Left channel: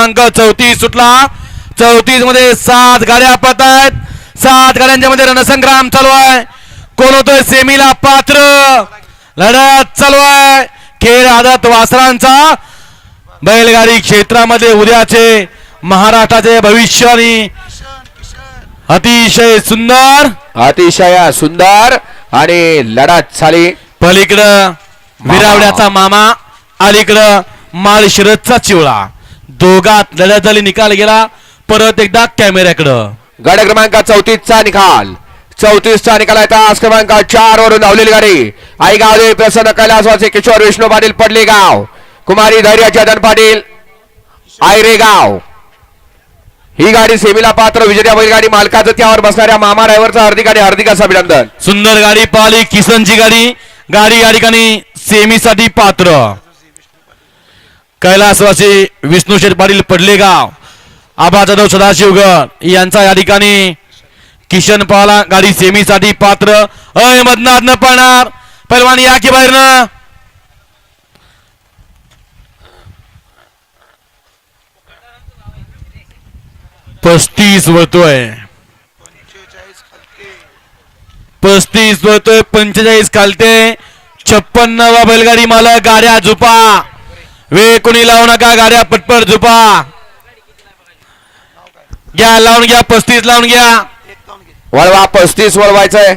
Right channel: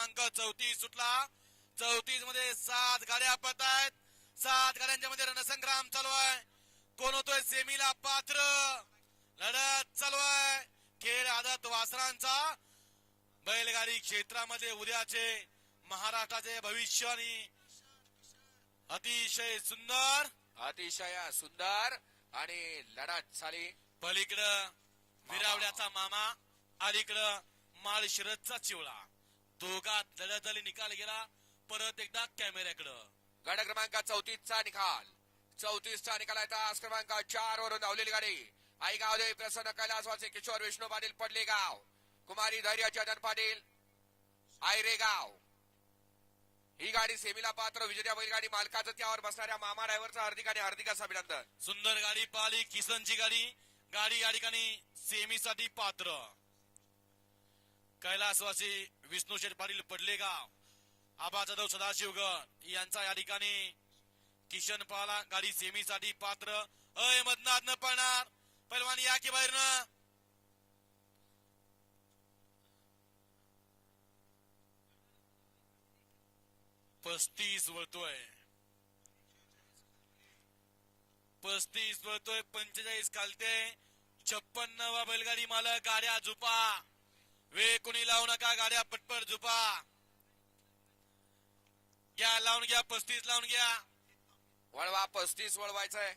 क्रमांक चौतीस सुटला. चौतीसमध्ये सात गाड्या पत आहेत सात गाड्यांच्या मध्ये रणसंग्राम चालू आहे. कोण होतोय? सेमीला पात्र. लढत चालू आहे. खेळ आदत वासरांचा. बैलगाडी क्षेत्रामध्ये उद्याचे महाराष्ट्राचे भविष्य आणि अतिशय सुंदर. अतिशय सुंदर आणि लढत झाली. पलीकडं विरावड्याचा मामा अलीकडं माळशिरसचा चिवळा. दोघात लढत झाली निकाल गेला. परत एकदा कॅमेऱ्याकडं. गड क्रमांक चौतीस चा निकाल. चौतीस चा निकाल आहे तास क्रमांक चार वरून धावलेली गाडी. आई गावले प्रसन्न कैलासवासी किशोर विष्णू पाटील पडले गाव. कुमारी धैर्य चेतन पाटील आयरे गाव. ही गाडी सेमीला पात्र विजेत्या बैलगाडी मालकाचं त्यावर बसणाऱ्या मामा ड्रायव्हरचं हार्दिक आणि हार्दिक असं अभिनंदन. सुंदर गाडी पाहिली किसनची गाडी. गाडी या ठिकाणी सेमीसाठी पात्र. कैलासवासी विष्णू शेठ पाटील पडलेगाव. आबा जाधव सदाशिवगड यांचा या ठिकाणी किशन पाला गाडी सेमीसाठी पात्र. अहमदनाथ न पाहणार पैलवान या की बाहेर पस्तीस वळतोय. पस्तीस वळतोय पंचेचाळीस खालते. छप्पन्न बैलगाडी मालक गाड्या झुपा वे कोणी लावू नका गाड्या पटपट झुपा. घ्या लावून घ्या पस्तीस लावून घ्या. वळवा पस्तीस वळवायचंय.